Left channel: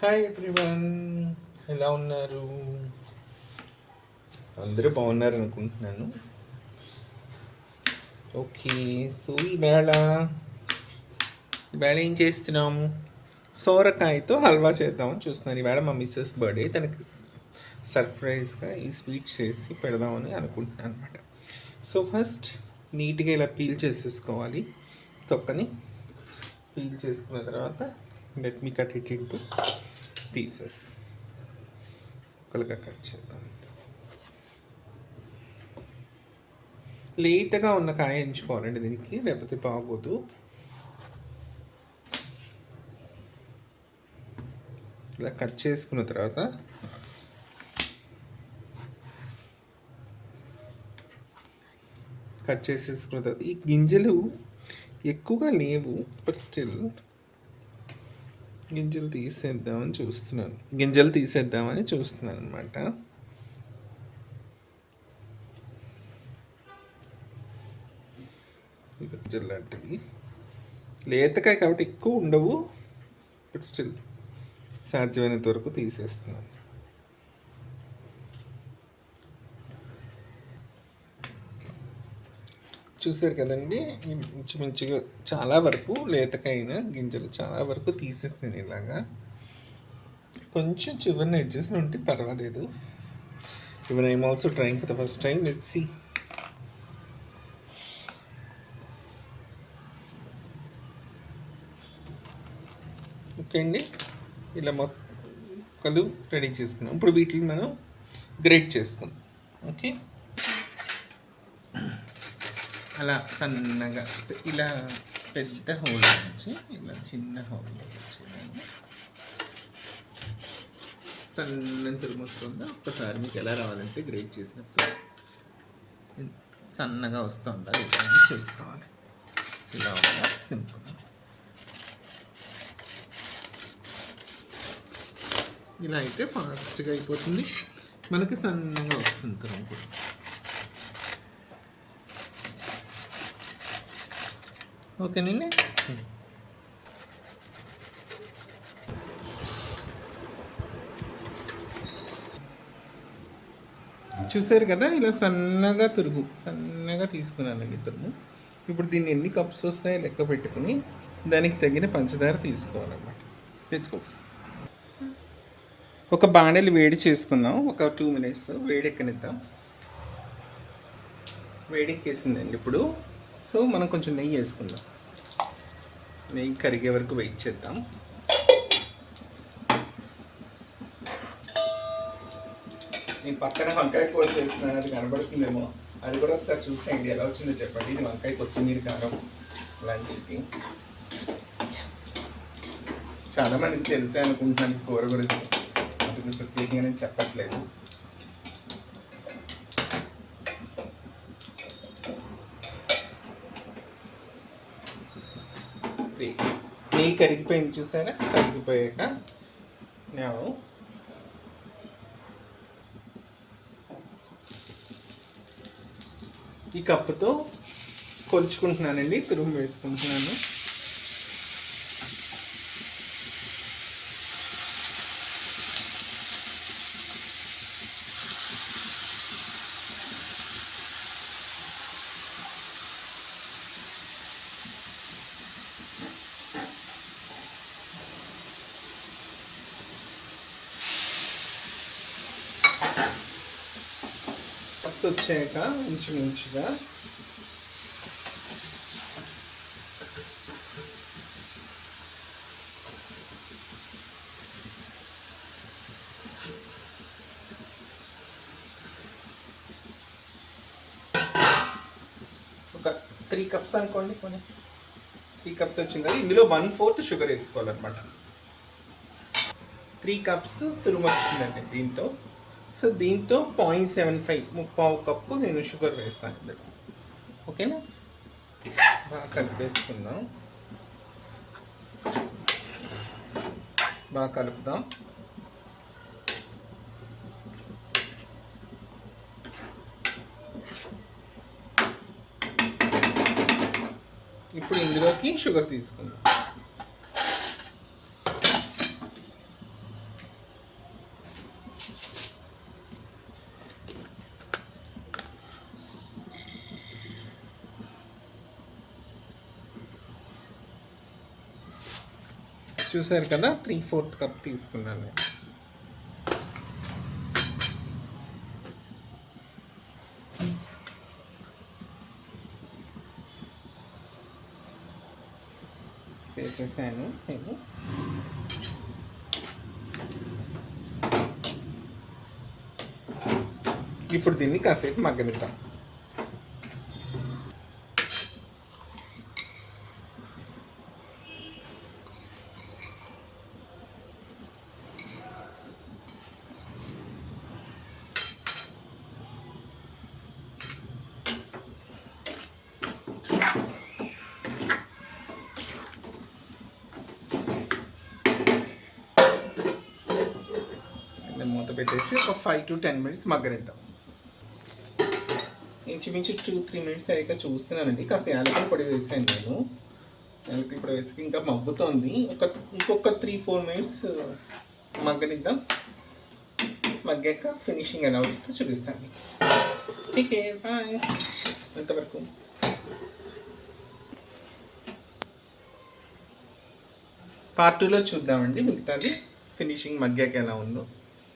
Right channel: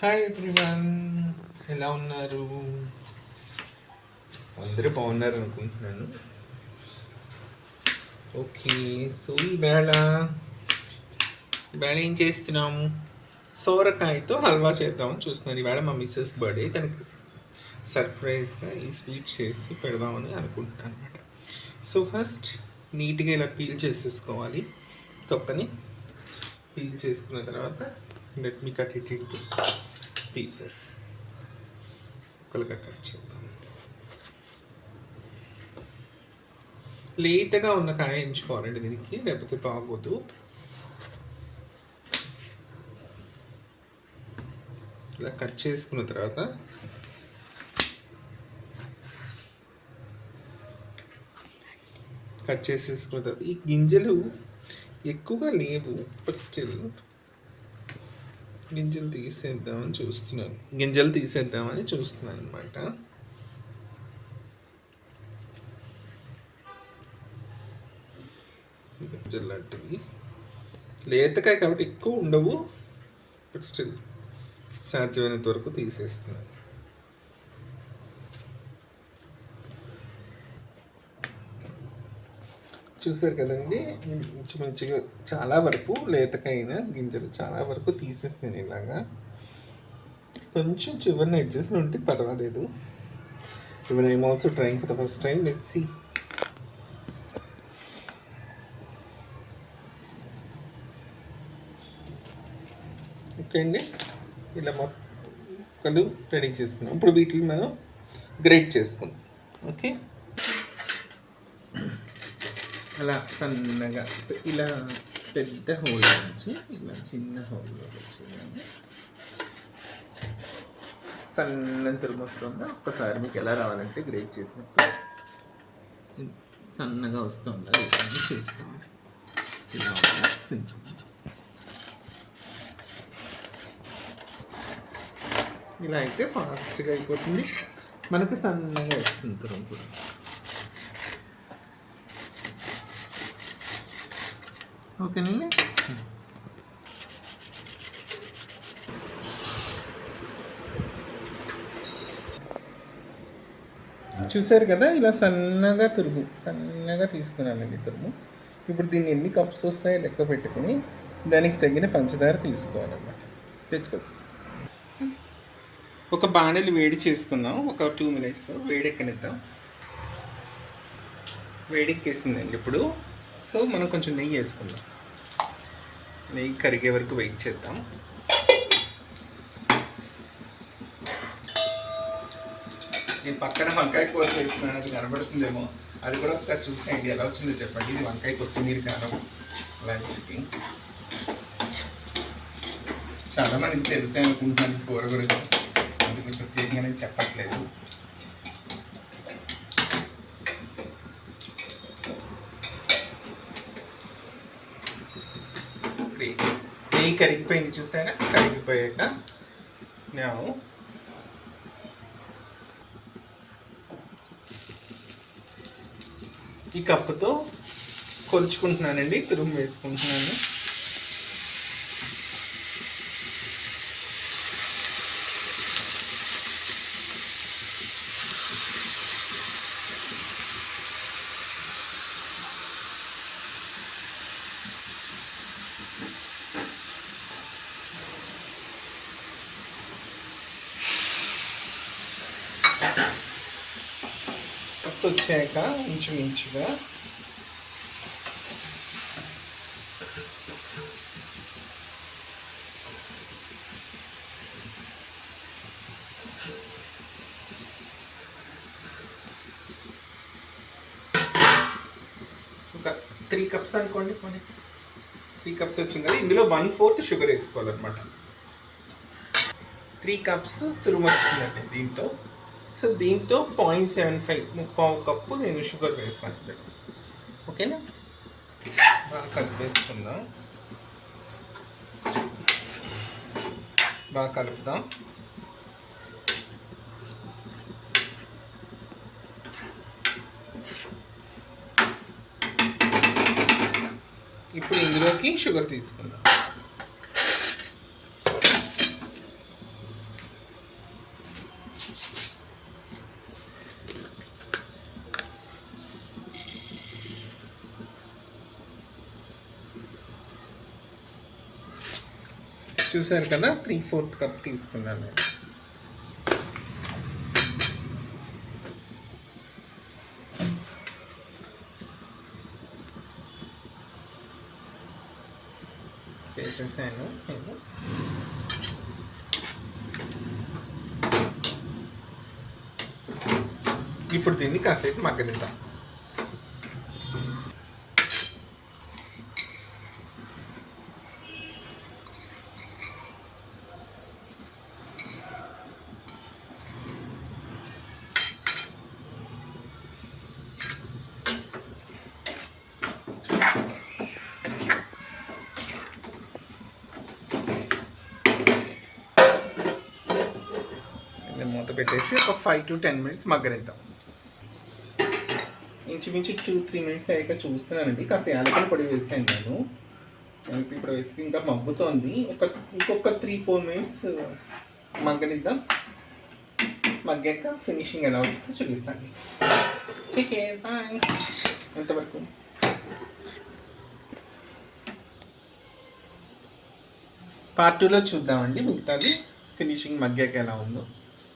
Hi everyone, ఎలా ఉన్నారు? అందరూ బాగున్నారు అనుకుంటున్నాను. ఓకే, సో ఈవేళ ఏం చేస్తున్నాము? సోరకాయతో హల్వా చేద్దామని చూస్తున్నాను. ఈవేళ మా మిస్సెస్ బర్త్డే, తనకి సర్ప్రైజ్గా ఈ స్వీట్ చేసి పెడదామని అనుకుంటున్నాను అనమాట. సో ఫస్ట్ నీట్గా ఇలా పీల్ చేసేసుకోవాలి. తొక్కని పీల్ చేసుకున్న తర్వాత let me cut it into pieces. ముక్కలుగా కట్ చేద్దాం. లేతగా ఉన్న కాయ ఎంచుకోవాలండి దీనికి, లేకపోతే బాగోదు. ఇలా కట్ చేసుకున్న తర్వాత ఈ గింజలు ఎక్కువగా లేవు, బట్ స్టిల్ గింజలు తీసేద్దామని చూస్తున్నాను అనమాట. గింజలు లాంటివి లేతకాయ కాబట్టి ఎక్కువ ఉండవు, బట్ స్టిల్ సాధ్యమైనంత వరకు తీసేస్తున్నాను. చూసారు కదండి, మంచిగా చాలా వరకు లేతకైన గింజలు చాలా వరకు తీసేస్తాను. ఇలాగా కొంచెం చివరిని అడ్జస్ట్ ఉంటే పర్వాలేదు. Even I am also trying for the first time. Let's see. Okay అండి, ఇలా మొక్కలు రెడీ చేసుకున్నాం. ఇప్పుడు వీటిని మనం గ్రేట్ చేసుకుందాం. ఓకే, అలా సన్నగా ఇలా పెద్ద హోల్ వచ్చి ఇలా చిన్న హోల్ వచ్చి సన్న తురుము వస్తుందా. ఒక్కసారి మీకు ఎలా రావాలంటే గ్రేట్ చేసినప్పుడు సన్నగా వస్తుందా ఇవన్నీ చూసుకోవాలి. ఇలా సింపుల్. ఇలా అయితే ఫాస్ట్గా అయిపోతుంది, మనకి సన్నగా వస్తుంది తురుము. ఓకేనండి, చూసారు కదా, ఇలా సన్నగా తీసుకున్నానండి తురుము. ఇప్పుడు దీన్ని ఎన్ని కప్స్ వస్తాయో లెక్క పెట్టుకుని దానికి తగిన పంచదార తీసుకోవాలన్నమాట. తెచ్చుకో. ఒక బాణలి వేడి చేసుకుందాం. ఒక 2 minutes వేడెక్కనిద్దాం. వేడెక్కేసిందండి ఇప్పుడు. సో మనం కొంచెం నెయ్యి వేసుకుందాం. నెయ్యి కరిగే వరకు వెయిట్ చేద్దాం. నేను పక్కన వంకాయ కూర చేస్తున్నాను, అది కనబడుతుందేమో, అది కూడా ఒకసారి చూసేయండి. ఎలా వచ్చిందో చెప్పండి. ఇది వంకాయ కొత్తిమీర కారం లంచ్కి. చాలామందికి తెలిసే అనుకుంటున్నాను కూర గురించి, అందుకు ప్రత్యేకంగా చెప్పట్లేదు. నెయ్యి కరిగిపోయింది, చూసారా? కరిగిపోయాక నేను ఈ కప్పుతో కొలుచుకుంటున్నానండి, తురుము వేసుకుంటున్నాను. వచ్చాక ఇంచుమించుగా ఒక 3 cups అనుకోండి. 3 cups వచ్చింది కదా, ఇందులో 1/4 షుగర్ వేసుకోవాలన్నమాట. 3 cups తురుము వచ్చిందండి దీంతో. సో దీంతో 0.75 ముప్పావు కప్పు నేను షుగర్ వేస్తాను. ఓకేనా? బాగా కలిపేసుకుందాం, బాగా కలుపుదాం. ఇప్పుడు ఇందులోకి షుగర్ తీసుకుందాం. చూసారు కదా 3/4 కప్ తీసుకున్నాను నేను. వేసేసాను నేను. ఇప్పుడు దీన్ని కాసేపు మగ్గనిద్దాం. మూత పెట్టేసి ఒక 5 to 10 minutes మగ్గనిద్దాం. ఇంచుమించు 2-3 minutes అయ్యాక చూస్తున్నానండి. కాస్త యాలకుల పొడి వేసాను నేను. యాలకుల పొడి వేసి ఇంకా మగ్గుతోంది. ఇంకొక 3-4 minutes మగ్గనిద్దాం. మగ్గాక ఫినిషింగ్ ఎలా వస్తుందో చూపిస్తాను. Okay bye. అంతవరకు పార్ట్ 2లో చూద్దామండి మిగతాది ఫినిషింగ్ మగ్గాక ఎలా ఉందో.